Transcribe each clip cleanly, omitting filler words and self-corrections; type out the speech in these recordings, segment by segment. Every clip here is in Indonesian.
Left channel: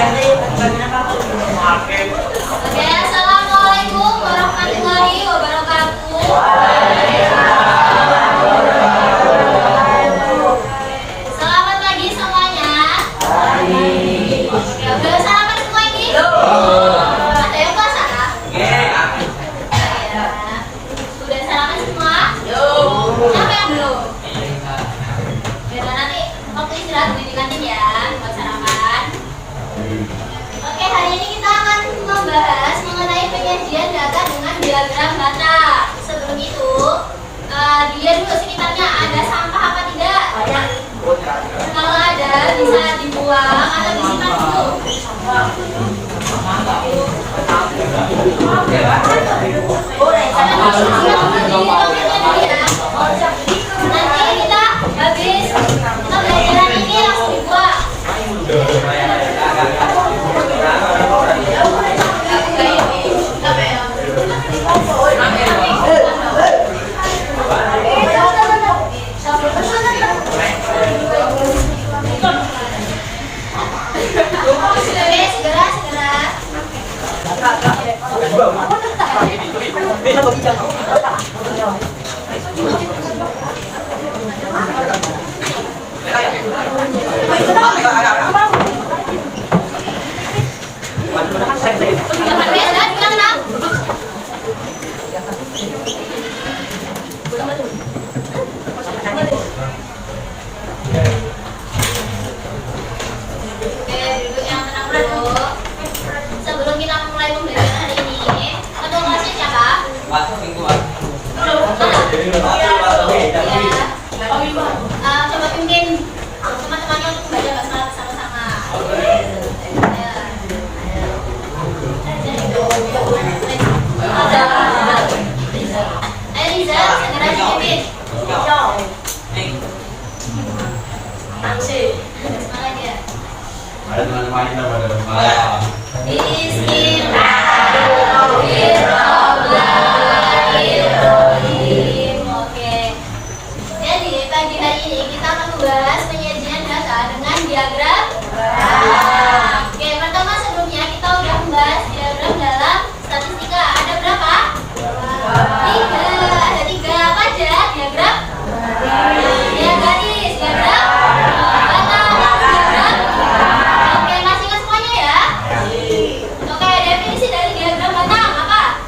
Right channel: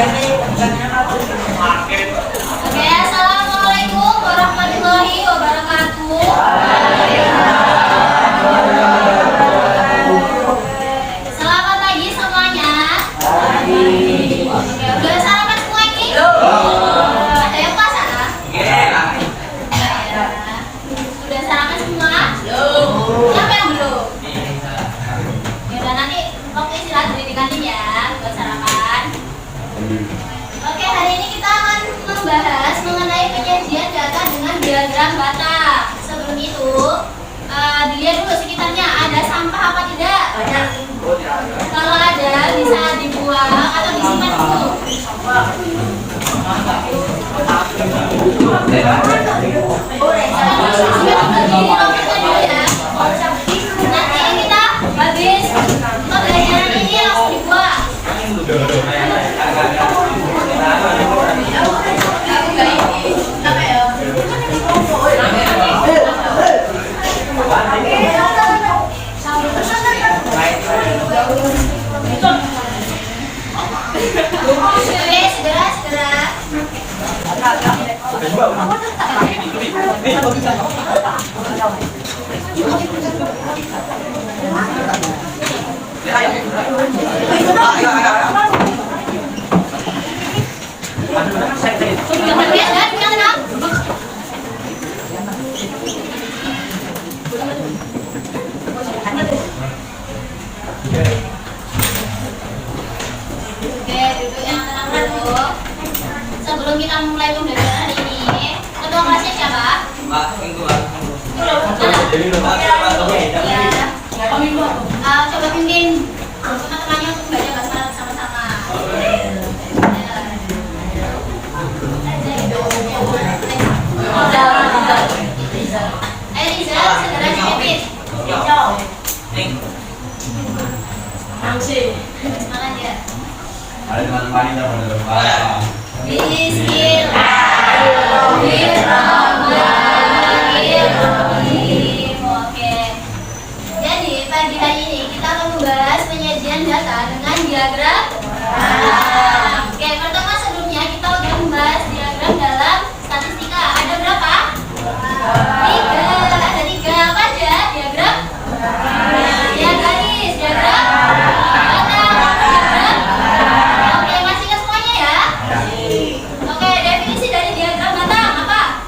Oke, assalamualaikum warahmatullahi wabarakatuh. Selamat pagi semuanya. Oke, udah sarapan semua ini? Ada yang puasa nggak? Udah sarapan semua? Siapa yang belum? Yaudah, nanti waktu istirahat beli di kantin ya buat sarapan. Oke, hari ini kita akan membahas mengenai penyajian data dengan diagram bata. Sebelum itu, dilihat dulu sekitarnya ada sampah apa tidak? Kalau ada, bisa dibuang atau disimpan dulu. Nanti kita habis pembelajaran ini langsung dibuang. Sebelum kita mulai pembelajaran hari ini, ketua kelasnya siapa? Coba pimpin teman-temannya untuk belajar bahasa Arab sama-sama. Ayo Riza, segera dipimpin. Semangat ya. Ada teman-teman kita pada Bismillahirrahmanirrahim. Oke. Jadi pagi hari ini kita akan membahas penyajian data dengan diagram. Oke, pertama sebelumnya kita akan membahas diagram dalam statistika. Ada berapa? 3. Ada 3 apa aja diagram? Diagram garis, diagram batang, diagram. Oke, masih ingat semuanya ya? Oke, definisi dari diagram batang apa?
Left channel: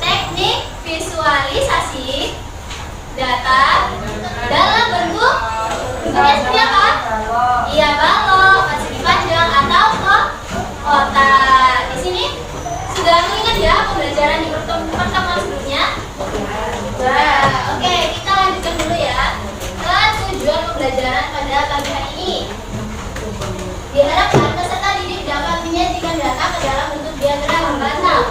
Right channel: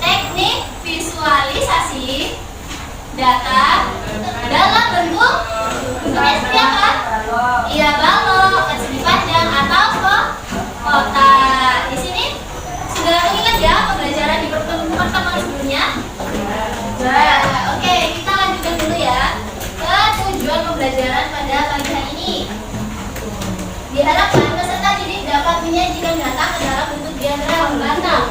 Teknik visualisasi data dalam bentuk bentuknya seperti apa? Iya, balok, persegi panjang atau kotak. Di sini sudah mengingat ya pembelajaran di pertemuan sebelumnya? Oke, kita lanjutkan dulu ya ke tujuan pembelajaran pada pagi hari ini. Diharapkan peserta didik dapat menyajikan data ke dalam bentuk diagram batang.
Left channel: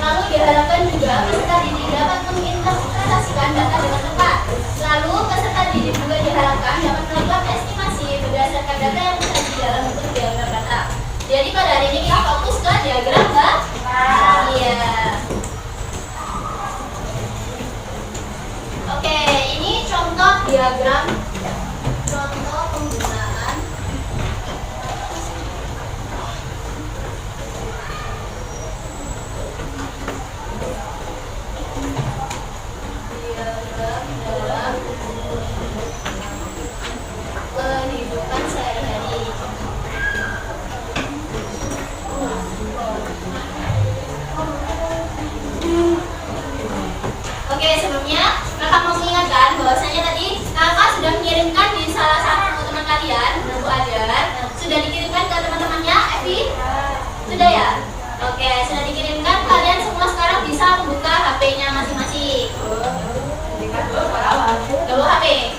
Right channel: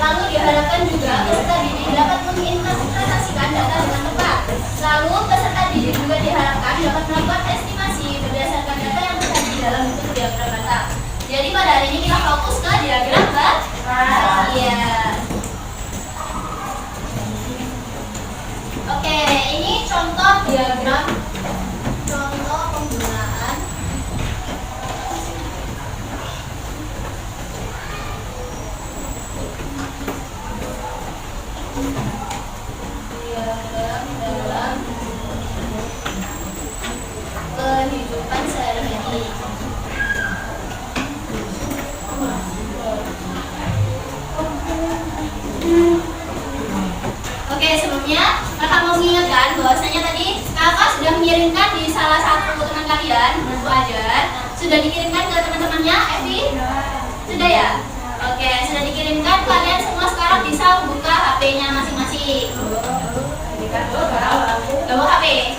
Lalu diharapkan juga peserta didik dapat menginterpretasikan data dengan tepat. Lalu peserta didik juga diharapkan dapat melakukan estimasi berdasarkan data yang tersaji dalam bentuk diagram batang. Jadi pada hari ini kita fokus ke diagram batang. Iya. Oke, ini contoh diagram. Contoh penggunaan diagram dalam kehidupan sehari-hari. Oke, sebelumnya kakak mau mengingatkan bahwasanya tadi kakak sudah mengirimkan di salah satu teman kalian buku ajar. Sudah dikirimkan ke teman-temannya, Evi? Sudah ya? Oke, sudah dikirimkan. Kalian semua sekarang bisa membuka HP-nya masing-masing. Gak bawa HP?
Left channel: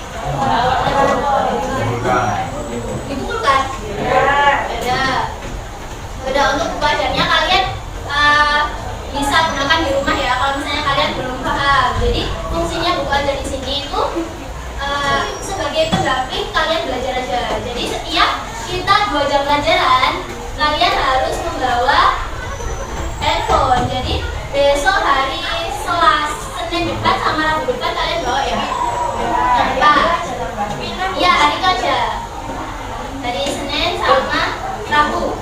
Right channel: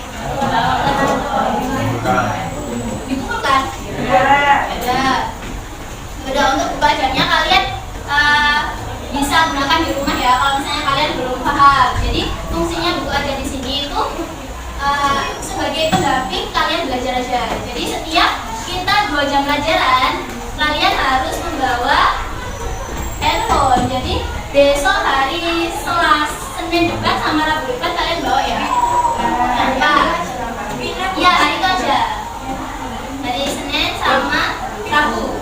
Dikumpulkan? Ada. Udah, untuk buku ajarnya kalian bisa gunakan di rumah ya kalau misalnya kalian belum paham. Jadi fungsinya buku ajar di sini itu sebagai pendamping kalian belajar aja. Jadi setiap kita 2 jam pelajaran kalian harus membawa handphone. Jadi besok hari Senin depan sama Rabu depan kalian bawa ya. Tanpa. Ya hari itu aja. Dari Senin sama Rabu.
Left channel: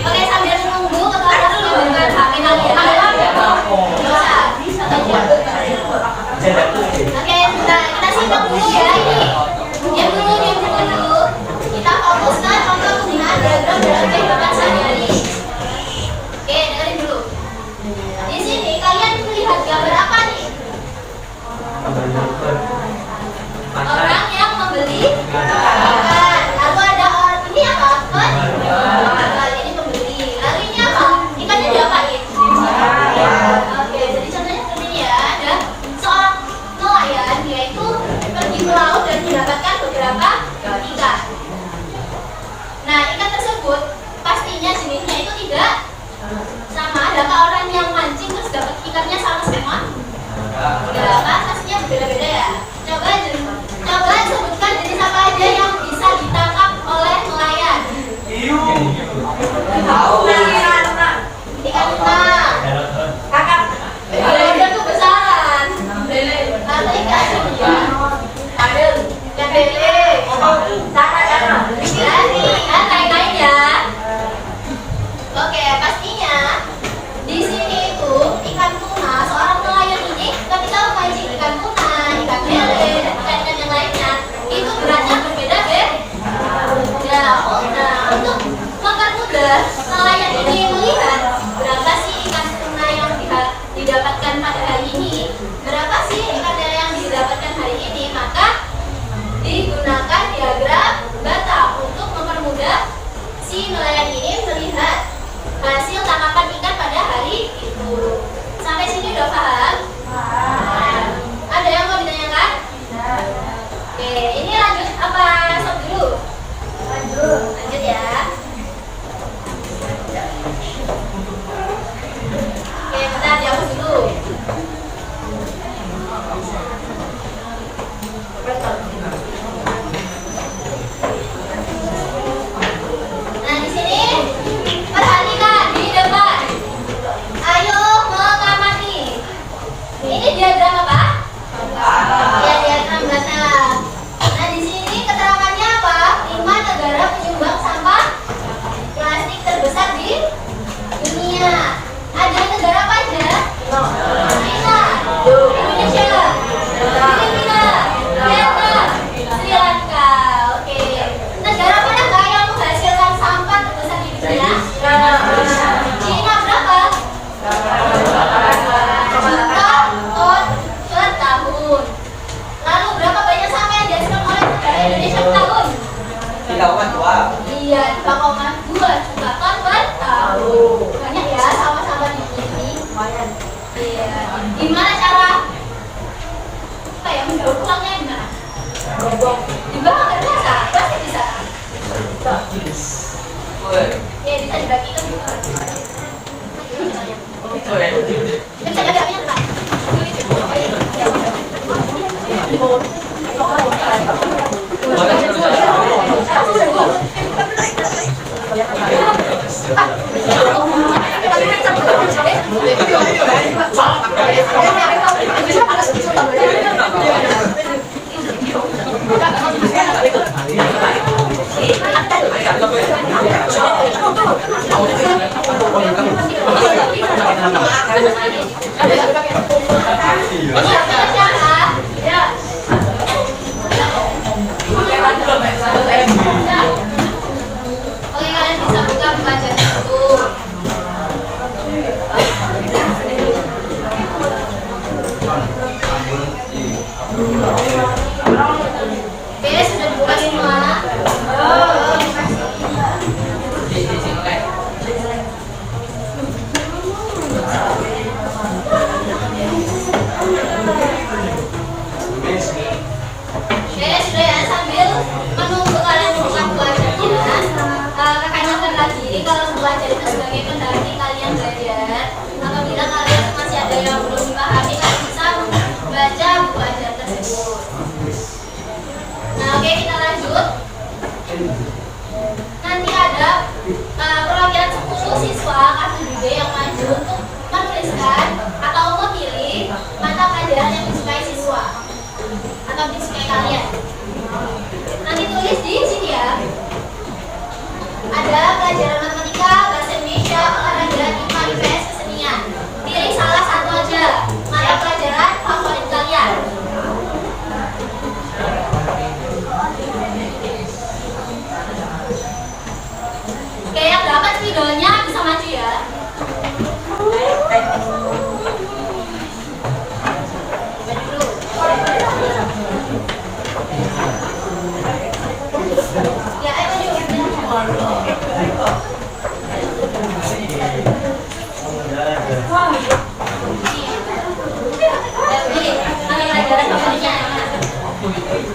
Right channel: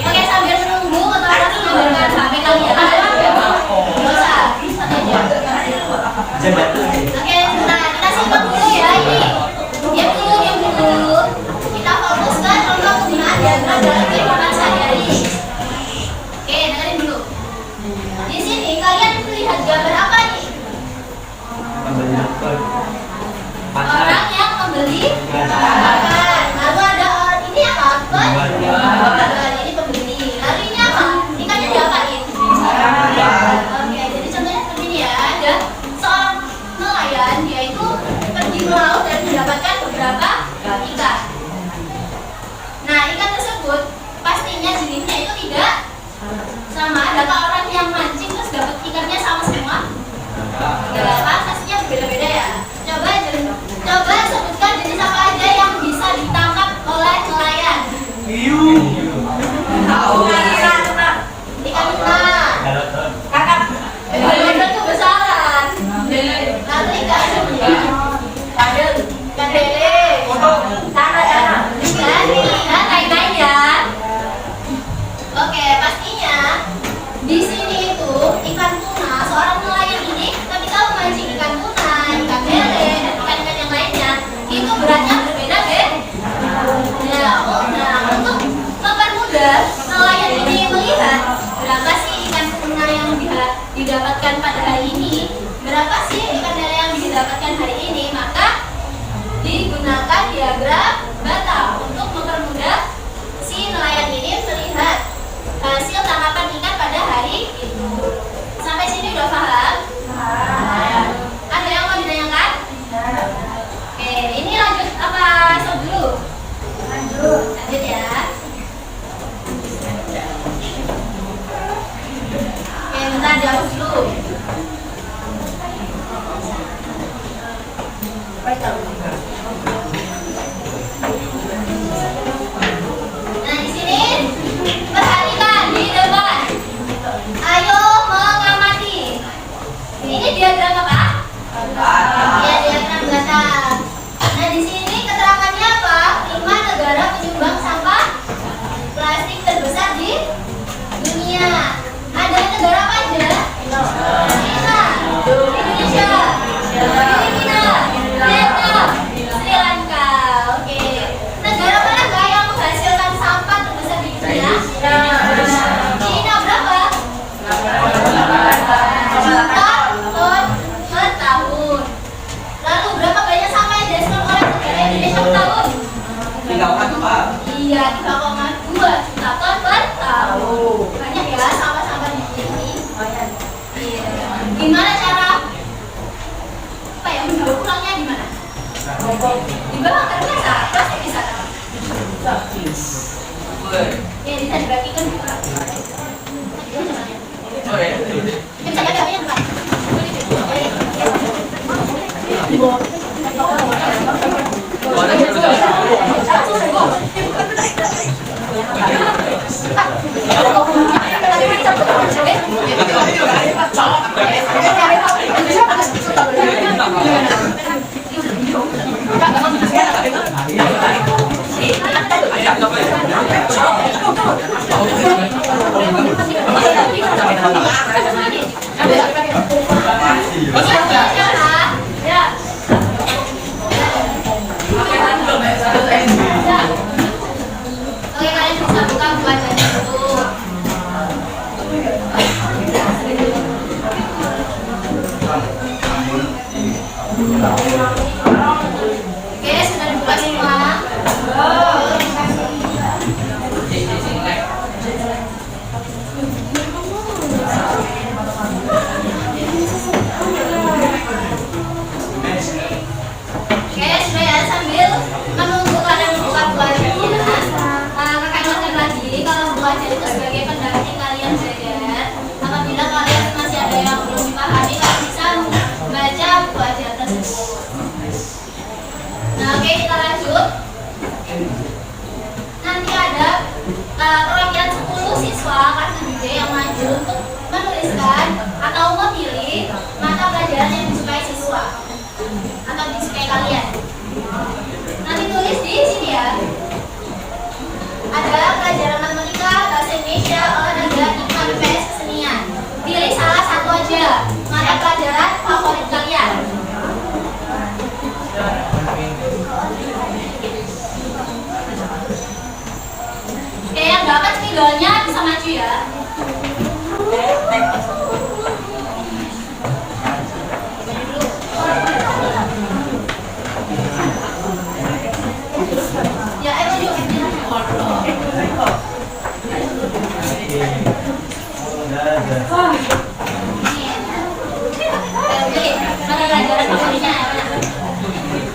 Oke, sambil menunggu kepala mengambilkan HP kalian. Nggak usah, santai aja. Oke, nah kita simak dulu ya ini. Diam dulu. Kita fokus ke contoh penggunaan diagram dalam kehidupan sehari-hari. Oke, dengerin dulu. Di sini kalian melihat gambar apa nih? Orang yang membeli makan. Lalu ada orang ini apa? Ini pembeli. Lalu ini apa? Ikannya diapain? Oke, jadi contohnya seperti ini ya. Ada seorang nelayan, dia itu pergi ke laut dan mendapatkan beberapa ikan. Nah, ikan tersebut pastinya jenisnya itu tidak sama. Adakah orang yang mancing terus dapat ikannya sama semua? Tidak, kasusnya berbeda-beda ya. Coba sebutkan jenis apa aja yang bisa ditangkap oleh nelayan. Ikan tuna. Kakap. Ikan itu besaran. Lalu ikan lele. Dan lain-lain ya. Oke, pastinya di sini itu ikan tuna, seorang nelayan ini ketika memancing ikan tuna, ikan lele, dan ikan-ikan yang lainnya itu beratnya berbeda-beda. Nah, untuk mempermudah nelayan ini melihat berapa sih ikan tuna yang didapatkan pada hari ini, berapa sih ikan lele yang didapatkan hari ini, maka digunakan diagram bata untuk mempermudah si nelayan ini melihat hasil tangkapan ikan pada hari itu. Sampai sini udah paham? Ada yang mau ditanyakan? Oke, ini lanjut apa stop dulu? Lanjut ya. Oke, bentar dihapus dulu. Nah, di sini perhatikan di depan. Ayo mengamati. Ini diagram apa? Ya, diagram bata. Nah, di sini keterangannya apa? 5 negara penyumbang sampah plastik terbesar di dunia. Ada negara apa aja? China, Indonesia, Filipina, Vietnam, Sri Lanka. Oke. Negara mana nggak yang menghasilkan sampah terbesar di dunia? China berapa? Juta ton per tahun. Lalu berapa banyak sampah yang dihasilkan oleh negara Indonesia per tahun? 3,2. Iya, 3,2 juta ton per tahun. Banyak ya sampah-sampah di sini. Iya. Gimana cara apa ya mendaur ulangnya gimana? Dibawa ke biasa, pasti bisa. Ya bisa dibagikan. Bisa jadi apa yang enggak? Oke, kalian bisa buka pelajaran itu. Oke, sudah dibuka semua. Oke, sudah ya, sambil menunggu kalian buka pelajarannya. Kakak ingatkan lagi, kalau belajar itu sebagai pendamping kalian belajar. Apabila kalian masih ada yang belum dipahami, kalian bisa membaca buku ajar tersebut. Nah, oke, kita lanjut. Nanti ada perwakilan 10 siswa kelas 7B yang maju untuk menuliskan atau memilih mata pelajaran yang disukai siswa atau disukai kalian. Ya, ayo yuk. Jadi, mata pelajaran favoritnya yang mana?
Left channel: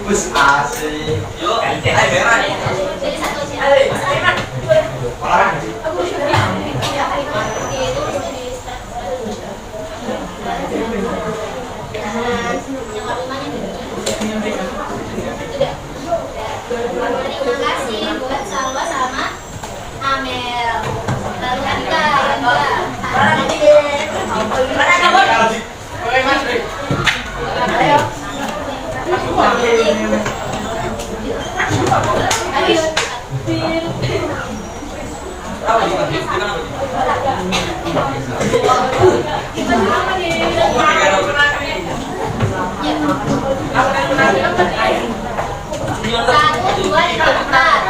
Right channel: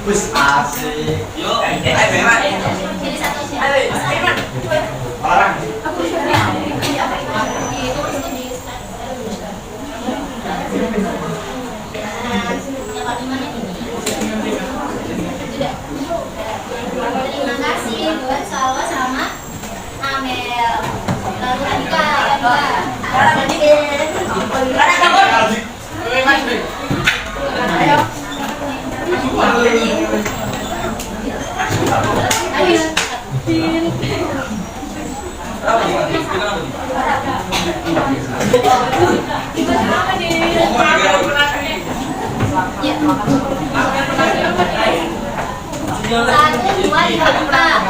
Bus asik. Yuk, ayo Beman. Jadi satu aja. Orang. Terima kasih buat Salwa sama Amel. Lalu Atika yang dua. Satu, dua, tiga, empat.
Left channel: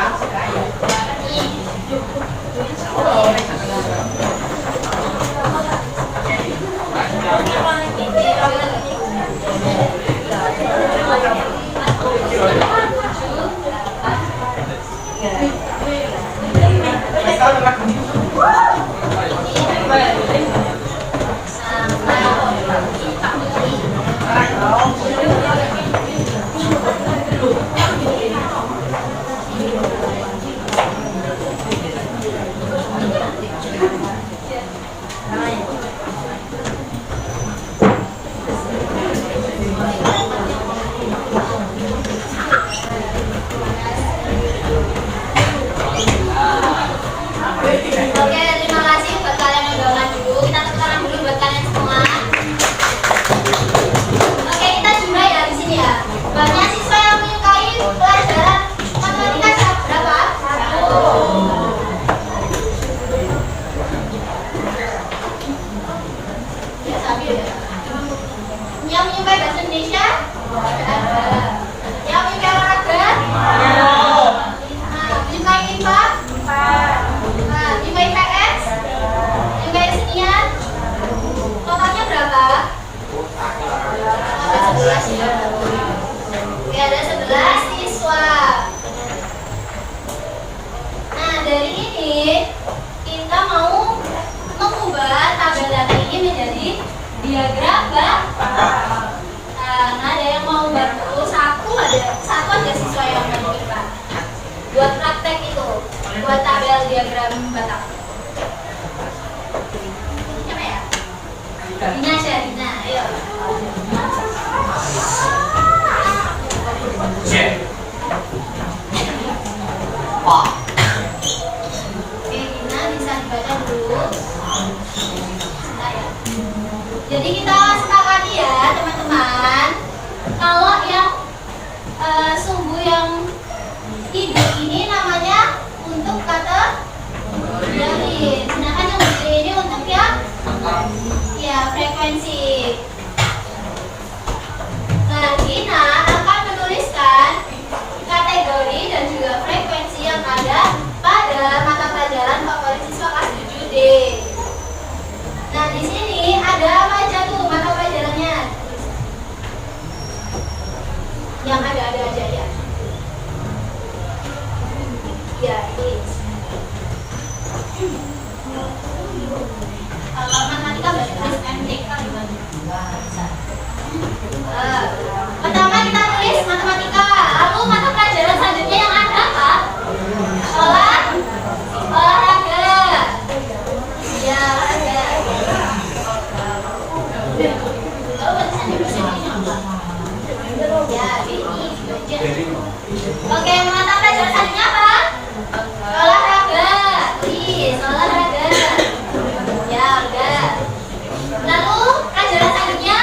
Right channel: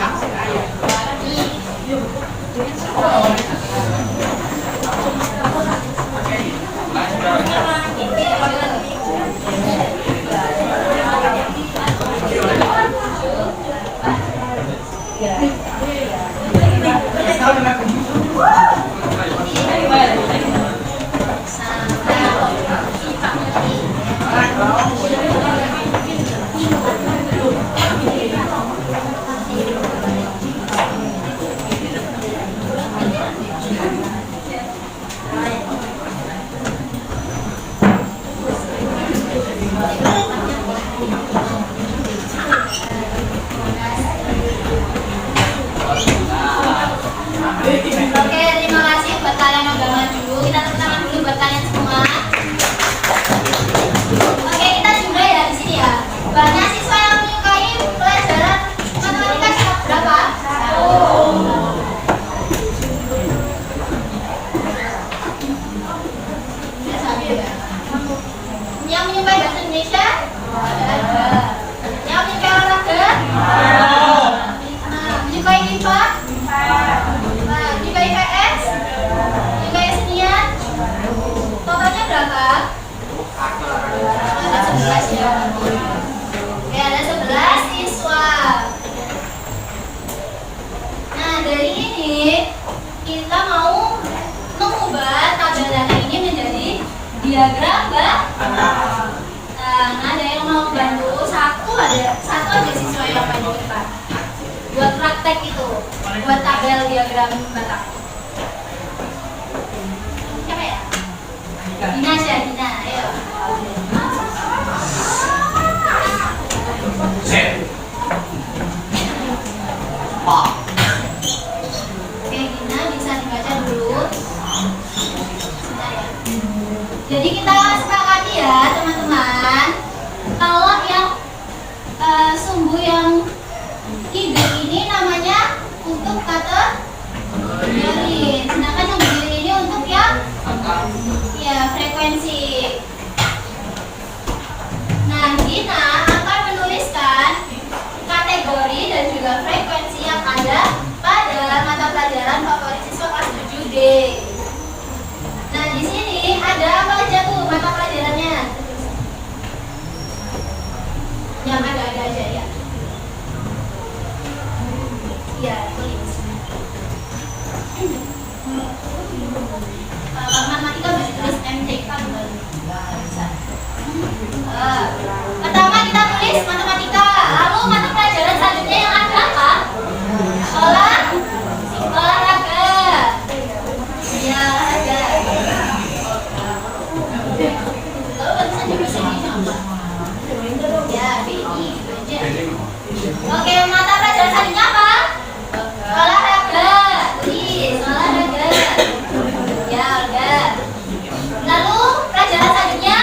Oke, terima kasih buat kalian yang udah maju. Kita tepuk tangan dulu buat kalian semua. Oke, kita juga ya di sini ya. Banyak siswa yang menyukai pelajaran matematika berapa? Ya, satu ya. Yang menyukai bahasa Indonesia? Ada. Yang menyukai olahraga? Menyukai IPA? Menyukai PS? Menyukai senior? Totalnya berapa? Ada 11 ya. Oke, ada 11 siswa. Nah, dari ini kita mau mengubah tabel ini menjadi diagram Nah, ada yang mau bantu? Satu aja siswa yang bantu IPA. Buat praktek itu, buat tabel diagram Batak. Siapa ya? Dina, Dina, ayo. Oke, Dina bisa dibaca dulu. Sebentar ya. Jadi kita sepakati ya teman-teman, kalau yang sumbu yang hidup ini namanya untuk kategori, sedangkan yang berdiri ini untuk yang frekuensi. Nah, Gina akan menuliskan kategori dan juga frekuensi yang ada pada mata pelajaran favorit siswa kelas 7D. Nah, di sini ada apa aja tuh mata pelajarannya? Yang ada aja ya. Ya, tulis. Kalau matematika berarti tulis MTK pertama kita tulis matematika. Lalu mata pelajaran selanjutnya yang ada apa? Olahraga. Ya, olahraga. Lalu barisan di sini apa? Ya, BI. Oke, mata pelajaran selanjutnya apa? Olahraga. Tulis olahraga. Ya, udah. Lalu pelajaran selanjutnya?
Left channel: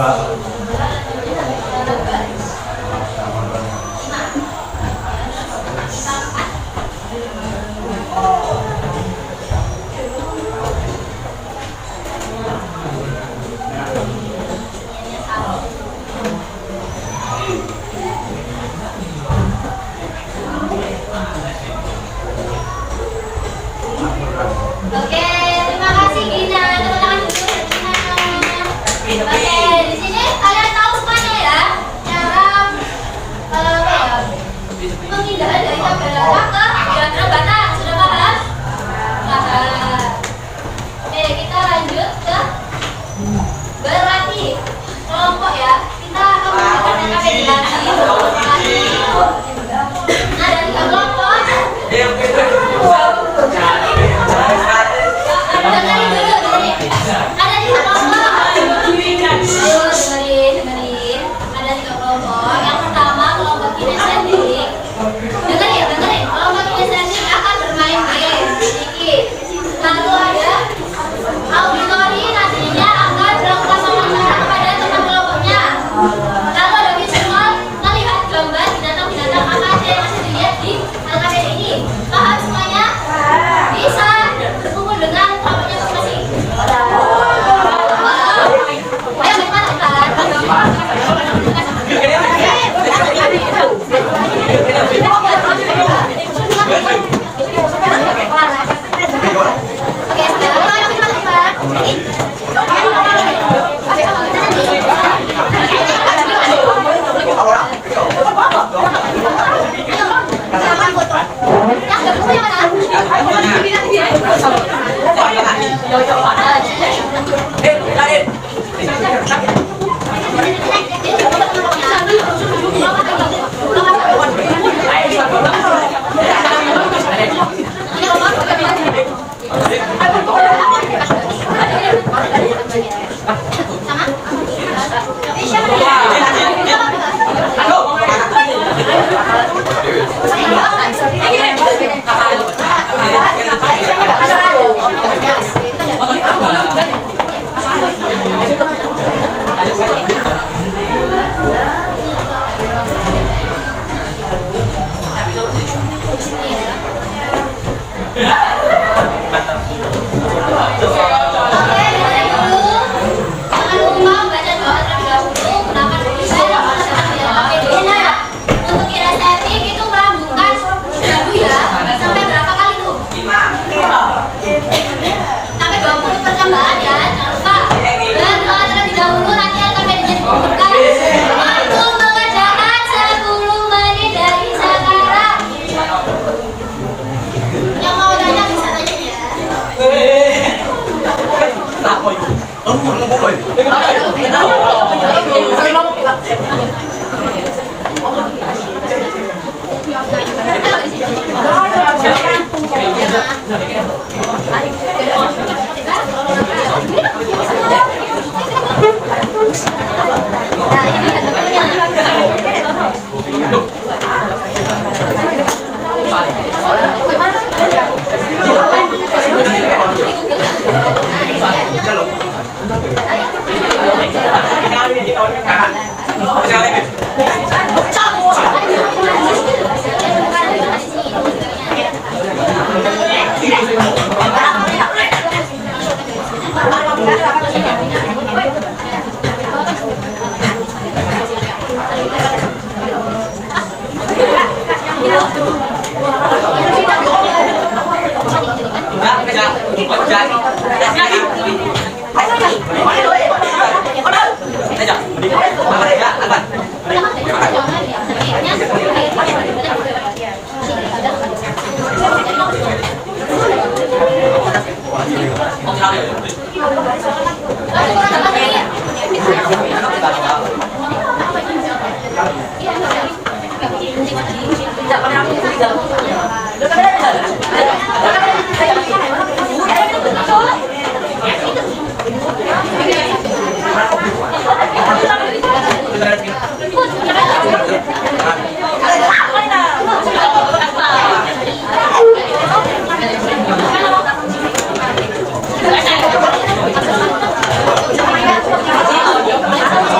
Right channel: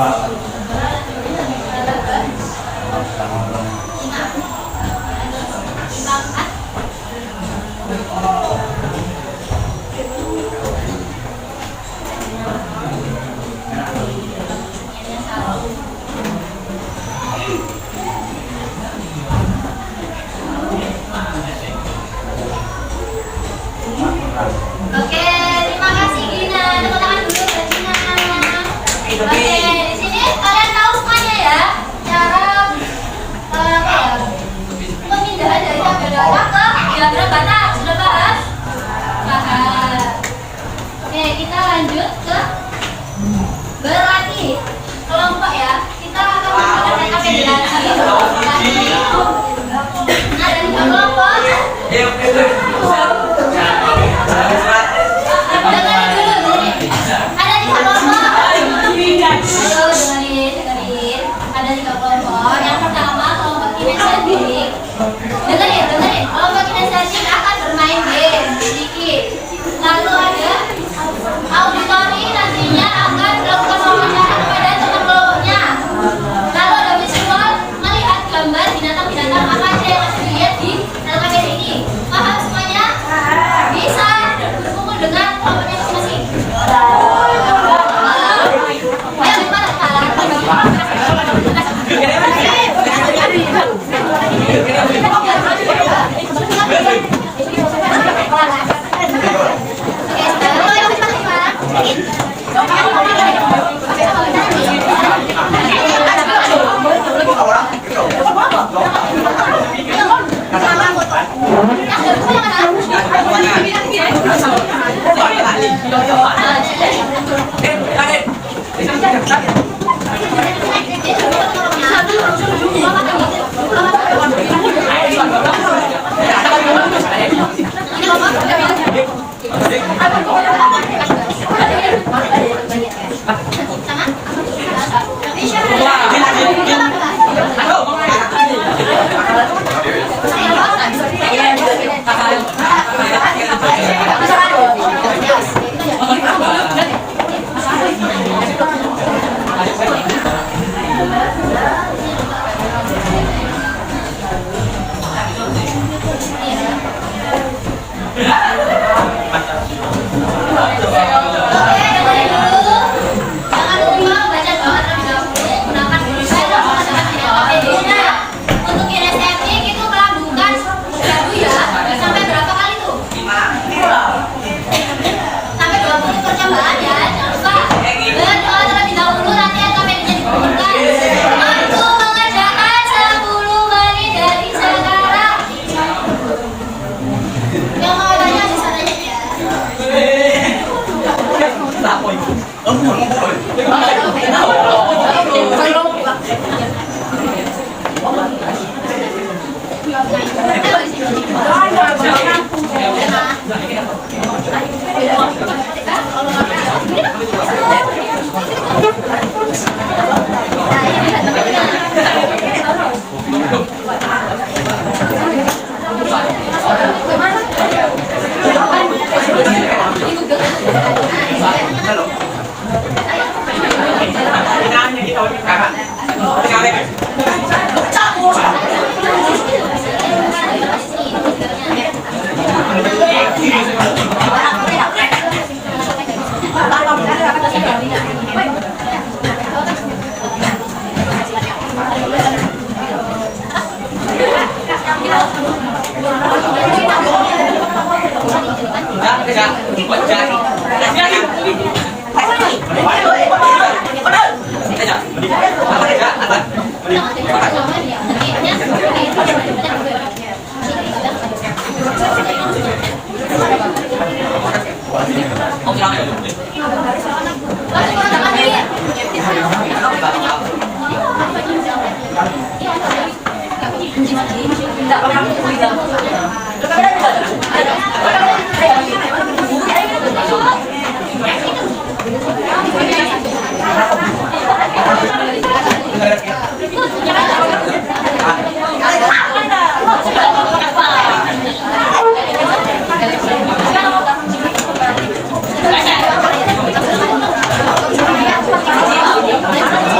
Oke, terima kasih Gina. Tepuk tangan dulu buat Gina. Oke, di sini kalian tahu semuanya ya cara apa ya? Pemindahan dari tabel data ke diagram bata. Sudah paham? Paham. Oke, kita lanjut ke berlatih kelompok ya. Kita akan menggunakan rekapitulasi. Nah, dan kelompok ada 3 kelompok. Yang pertama kelompok kinestetik. Dengerin. Kelompok kinestetik akan bermain game sedikit. Lalu ada auditori, nantinya akan melakukan wawancara kepada teman kelompoknya. Lalu ada visual, melihat gambar binatang-binatang apa aja yang harus dilihat di LKPD ini. Paham semuanya? Bisa berkumpul dengan kelompoknya masing-masing. Ayo gimana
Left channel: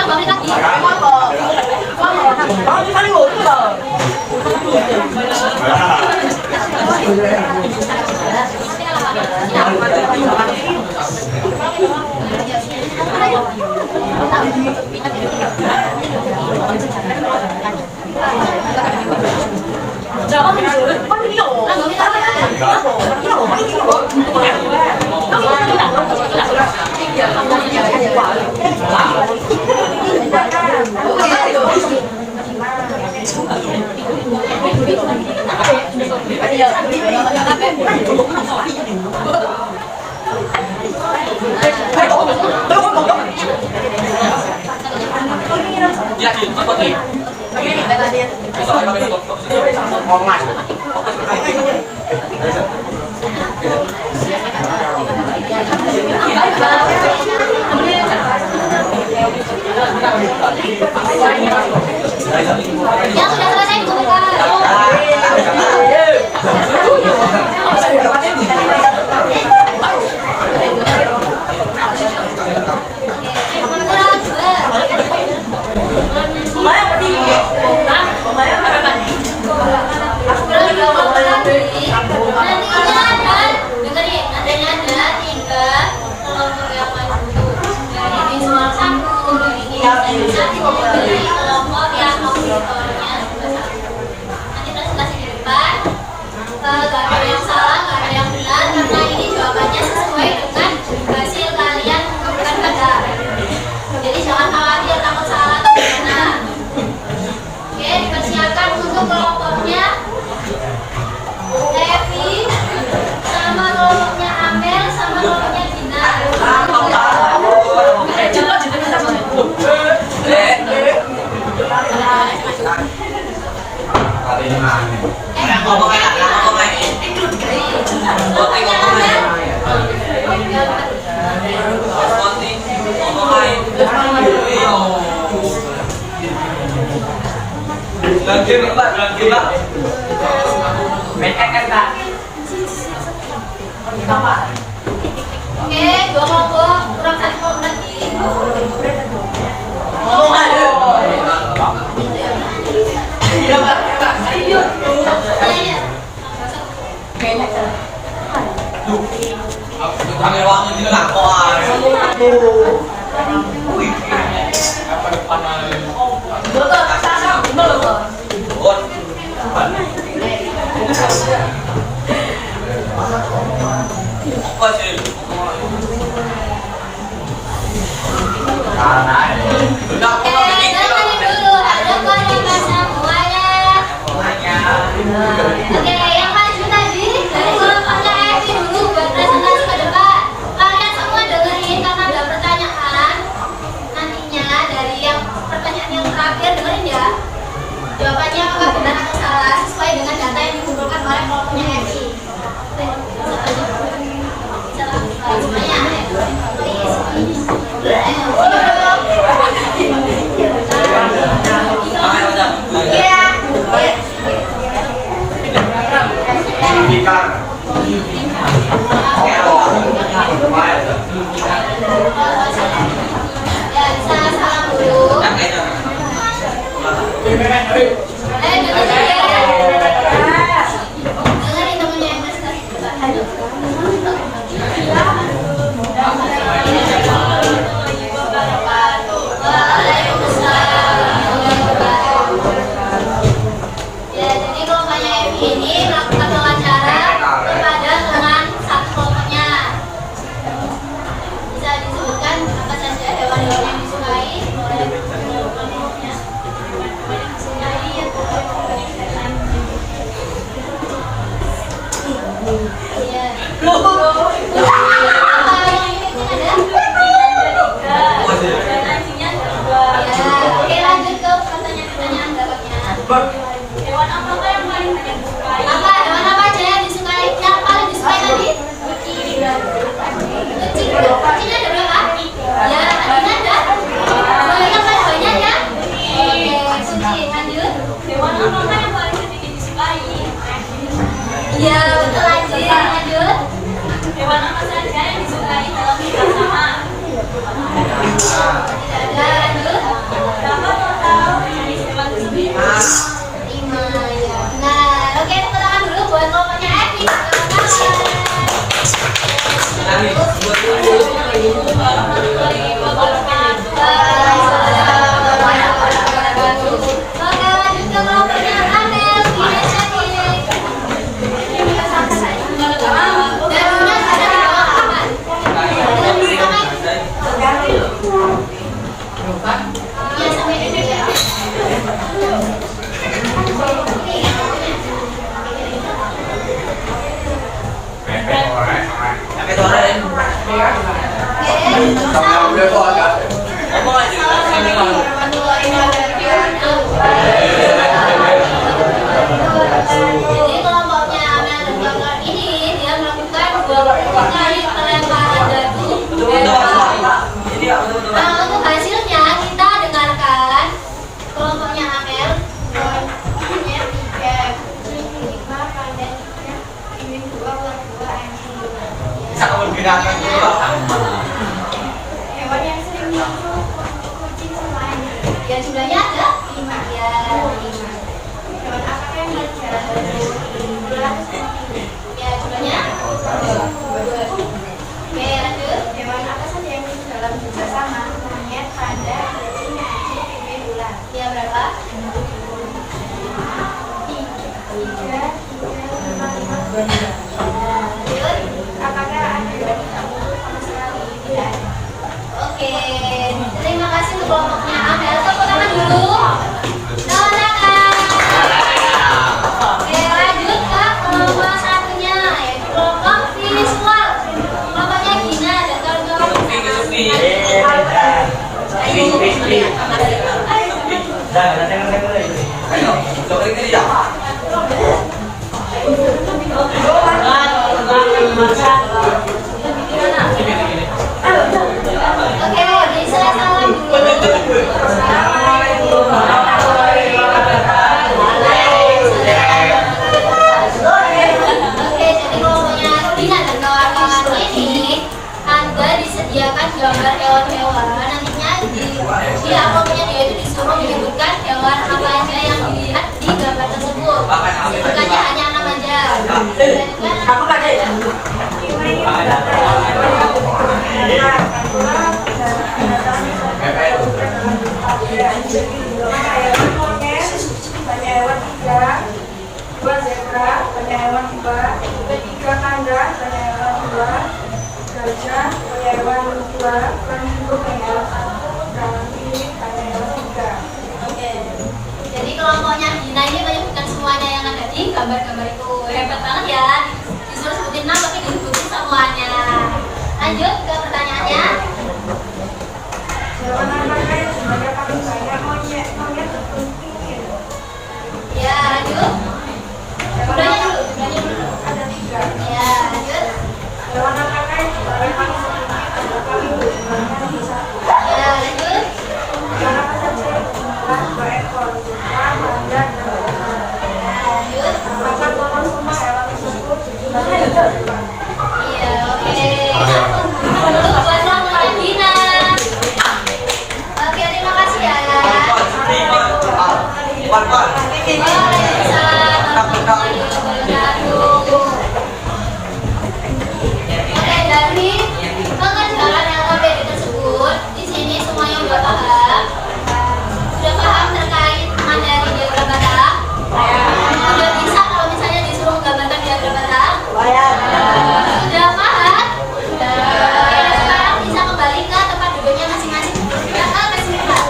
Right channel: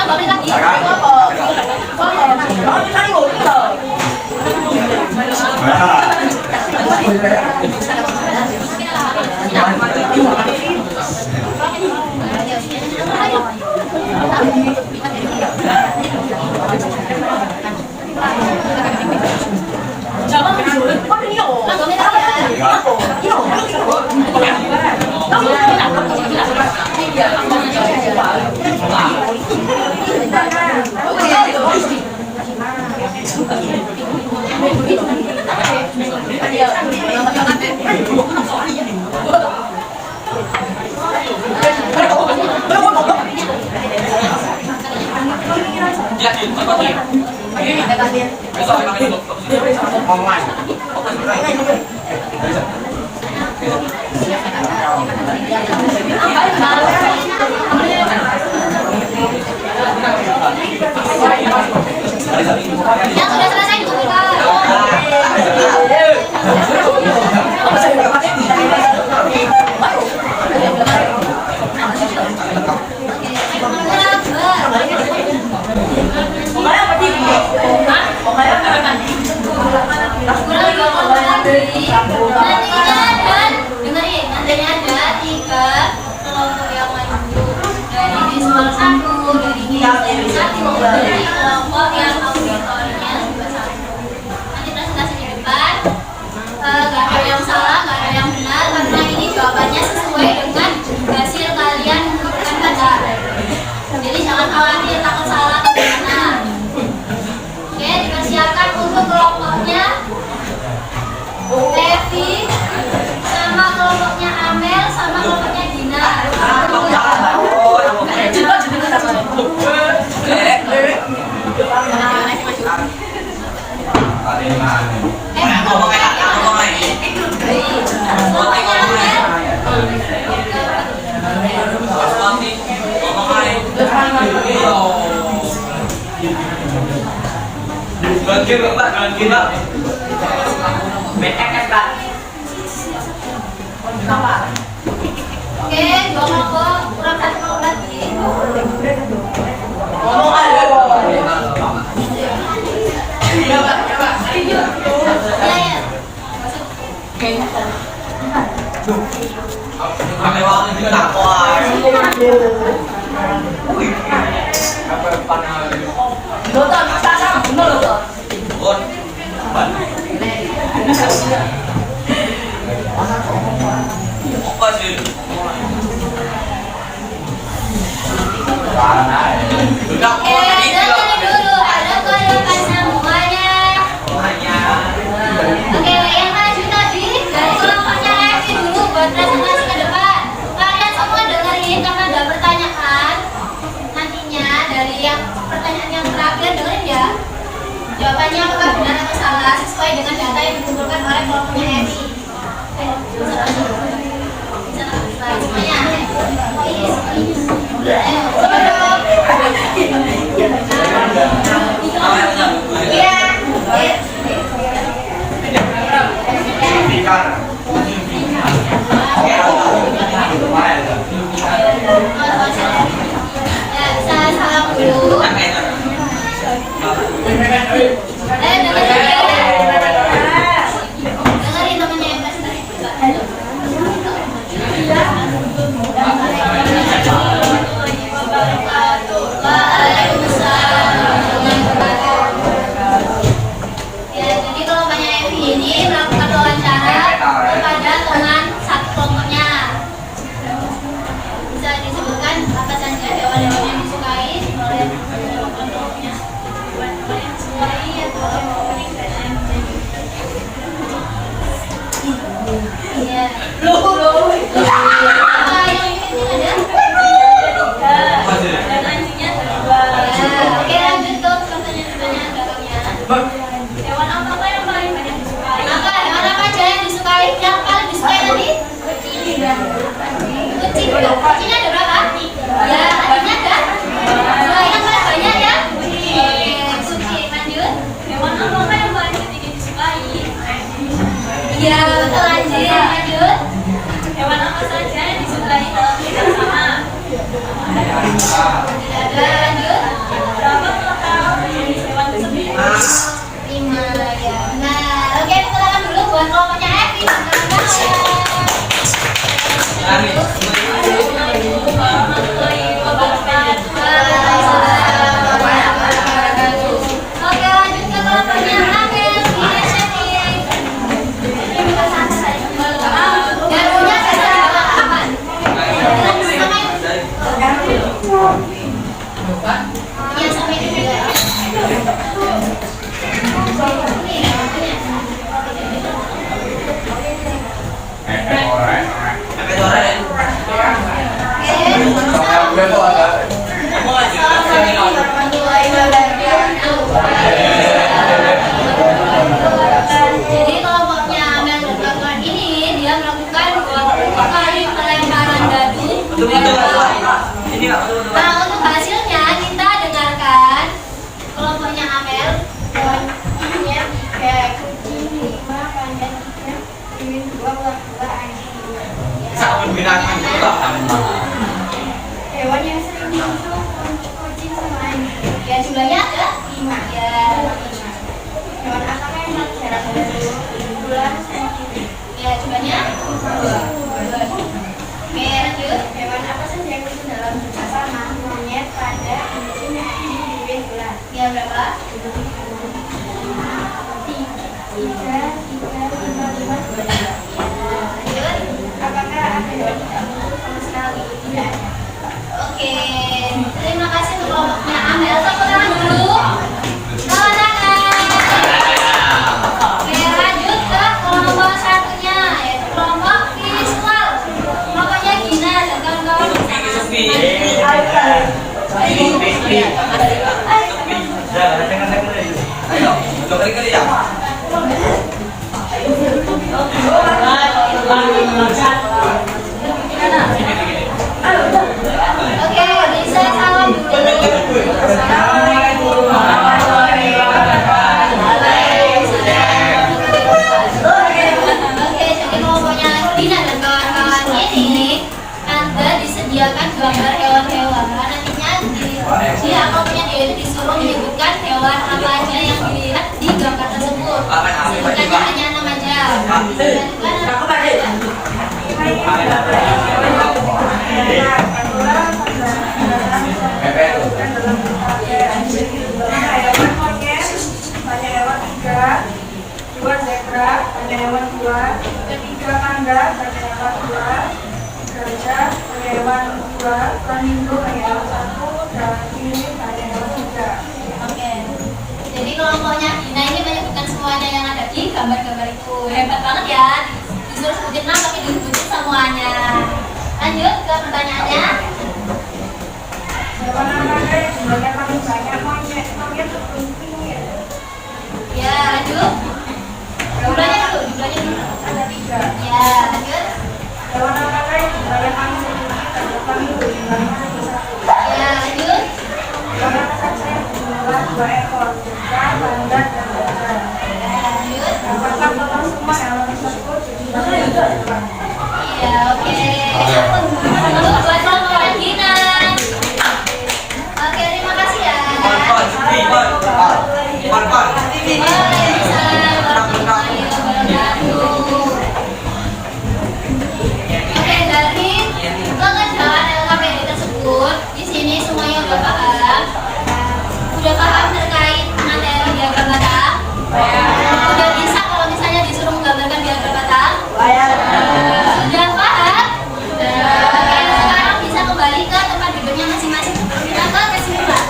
Ulangi lagi. Yang sudah selesai dikumpulkan. Nantinya ada 3 kelompok yang maju dari visual 1, dari visual 1, dari kelompok yang auditornya sudah 1. Nanti presentasi di depan, gak ada yang salah, gak ada yang benar, karena ini jawabannya sesuai dengan hasil kalian mengumpulkan data. Jadi jangan khawatir takut salah atau gimana. Oke, dipersiapkan untuk kelompoknya Evi sama kelompoknya Amel sama kelompoknya Dina. Oke, 2 kelompok kurang 1 kelompok lagi. Ambil waktu juga nak apa sih? Dengerin dulu, ada pada semuanya. Oke, yang maju tadi dari kelompoknya Evi dulu buat presentasi ke depan. Kalian semua dengerin karena ada pertanyaan. Nantinya dari yang pertanyaan yang terakhir dengerin Jawabannya apakah benar atau salah sesuai dengan data yang dikumpulkan oleh kelompoknya Evi. Bisa langsung semuanya. Hewan yang sering muncul untuk kucing sama anjing. Ya jumlahnya ada 5. Ya 5. Hewan apakah yang paling jarang muncul? Ya jumlahnya 2. Oke lanjut. Hewan apa saja yang muncul dalam jumlah sama? Monyet, pada, kucing, anjing, bibir, ular. Ya berapa? 3, 5. Apakah ada yang sama sekali? Tidak ada. Oke, terima kasih untuk kelompoknya Amel. Tepuk tangan dulu. Tepuk tangan. Oke, lanjut ke kelompok satunya, yaitu kelompok visual. Kelompoknya Gina dan kawan-kawan. Oke, bisa salam dulu. Oke, jadi kelompoknya Dina dan kawan-kawan ini Anda disediakan gambar hewan-hewan. Nantinya dia kelompoknya dia itu disuruh menyebutkan hewan apa aja yang dilihat di gambar tersebut. Bukannya hanya 6 aja. Kamu tadi. Hewan monyet, banyak hewan 3, 2 zebra, banyak hewan 2, 3 panda, banyak hewan 2, gajah, banyak hewan 2, flamingo, banyak hewan 1, delfin, banyak hewan 3. Oke. Jadi kelompoknya Dina ini menyebutkan semuanya yang ada di gambar-gambar itu. Hebat banget ya. Disuruh sebutin nama tapi disebutin semuanya. Lanjut ke pertanyaannya. Hewan apakah yang jumlahnya paling banyak? Monyet, monyet berkunting. dulu. Jumlahnya dulu. Ada 3. Ya, lanjut. Hewan apa lain dibalik manusia ini terdapat jumlahnya ada 1. Ya, lanjut. Hewan apa saja yang berjumlah 2 ekor, unta, badak, dan gajah. Ya, lanjut. Apakah total semua hewan tersebut jumlahnya ada 2? Iya, oke. Untuk buat nomor Adina. Oke, terima kasih ya. Waalaikumsalam warahmatullahi wabarakatuh. Oke, dari pengerjaan LKPD tersebut, di sini semuanya udah paham? Udah paham terkait materi diagram batang? Udah bisa kalau misalnya disuruh menggambarkan diagram batang? Sudah paham? Oke, sekarang bisa kembali ke tempat duduknya masing-masing. Kita ke kesimpulan.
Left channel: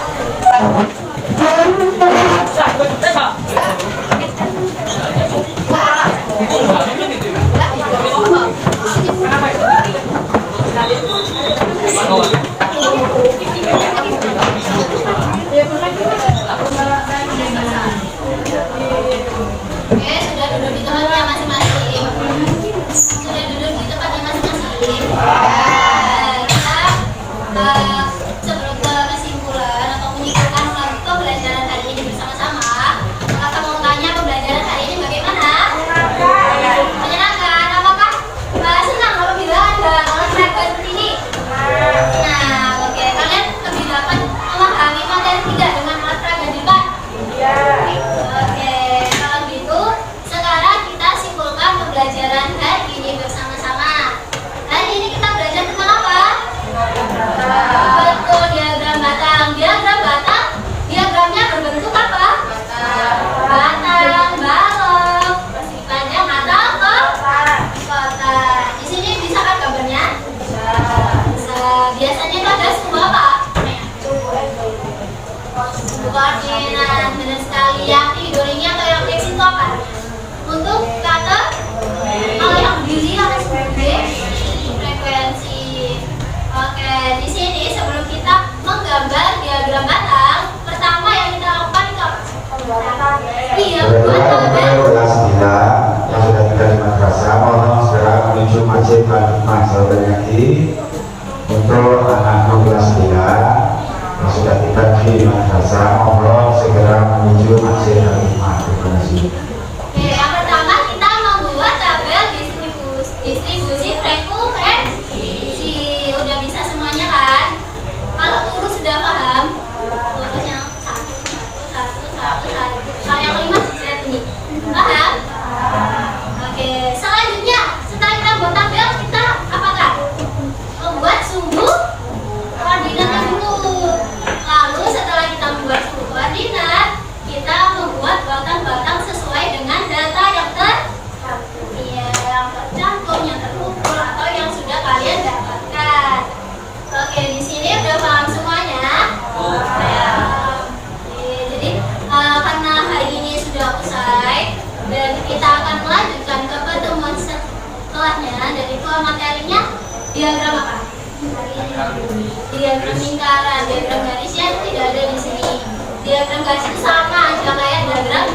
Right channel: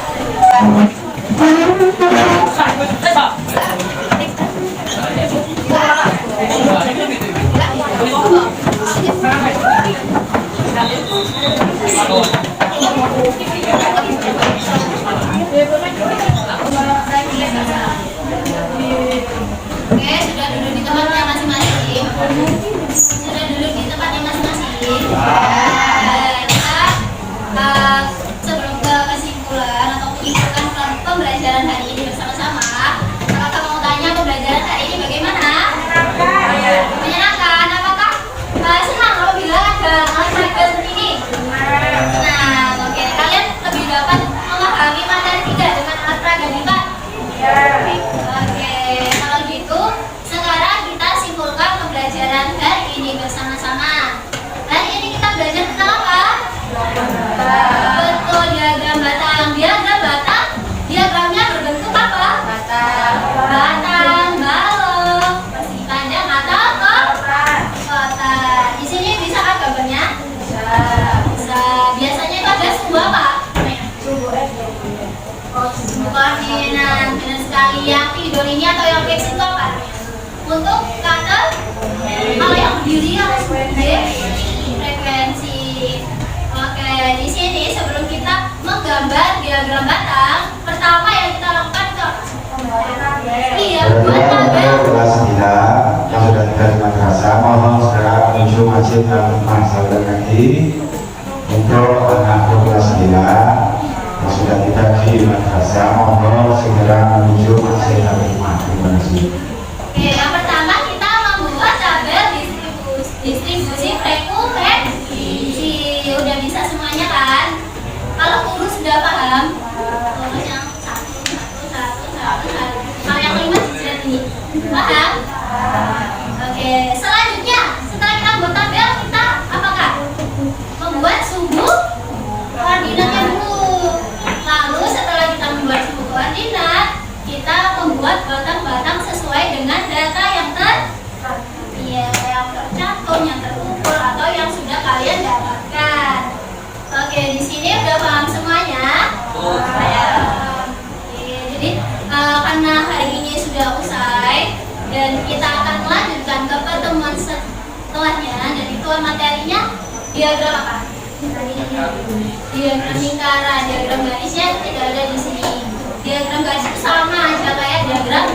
Oke, sudah duduk di tempatnya masing-masing. Sudah duduk di tempatnya masing-masing. Kita sebelum ke kesimpulan atau penyimpanan pembelajaran hari ini bersama-sama, kakak mau tanya pembelajaran hari ini bagaimana? Menyenangkan. Apakah senang apabila ada olahraga seperti ini? Nah, oke. Kalian lebih dapat memahami materi tidak dengan olahraga di Pak? Oke, kalau gitu sekarang kita simpulkan pembelajaran hari ini bersama-sama. Hari ini kita belajar tentang apa? Betul, diagram batang. Diagram batang, diagramnya berbentuk apa? Batang, balok, persegi panjang atau kotak. Di sini bisa kan gambarnya? Bisa. Biasanya itu ada sumbu apa? Bukan minat, keren sekali. Yang tidur ini atau yang X itu apa? Untuk kata, kalau yang berdiri ada frekuensi. Oke, di sini sebelum kita menggambar diagram batang, pertama yang kita lakukan itu apa? Iya, buat tabel. Kelas 9 sudah dari madrasah, mohon segera menuju masjid Al-Hikmah Saudara Ngaji. Untuk anak kelas 9 sudah tiba di madrasah, mohon segera menuju masjid Al-Hikmah. Terima kasih. Oke, yang pertama kita membuat tabel distribusi frekuensi. Udah bisa semuanya kan? Kalau turun sudah paham? Turun yang satu. Kalau yang kelima jerat ini, paham? Oke, selanjutnya setelah kita buat tabel, kita apakan? Membuat sumbu koordinatnya dulu. Lalu setelah kita membuat sumbu koordinat, kita membuat batang-batang sesuai dengan data yang tercantum, yang terukur atau yang sudah kalian dapatkan. Oke, di sini udah paham semuanya? Jadi karena hari ini sudah usai dan kita akan melanjutkan ke pertemuan setelahnya, dan itu materinya diagram apa? Diagram lingkaran, diagram garisnya tidak ada di sini. Diagram garis itu sama aja kayak diagram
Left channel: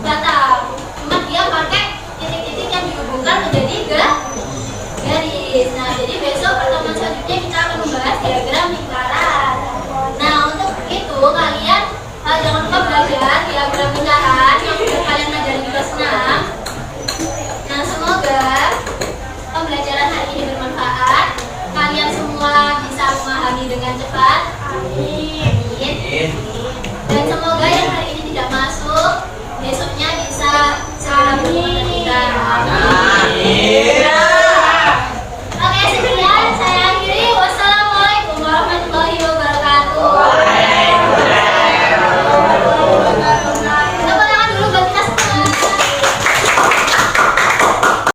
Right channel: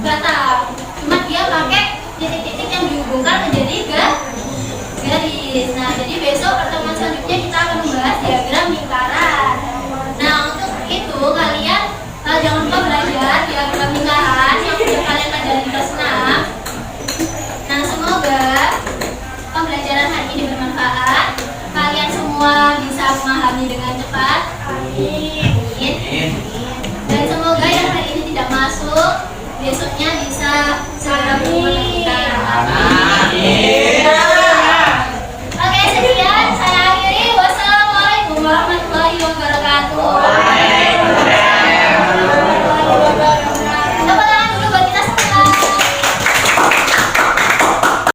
batang, cuma dia pakai titik-titik yang dihubungkan menjadi garis. Nah, jadi besok pertemuan selanjutnya kita akan membahas diagram lingkaran. Nah, untuk itu kalian jangan lupa belajar diagram lingkaran yang sudah kalian pelajari di kelas 6. Nah, semoga pembelajaran hari ini bermanfaat. Kalian semua bisa memahami dengan cepat. Amin. Dan semoga yang hari ini tidak masuk, besoknya bisa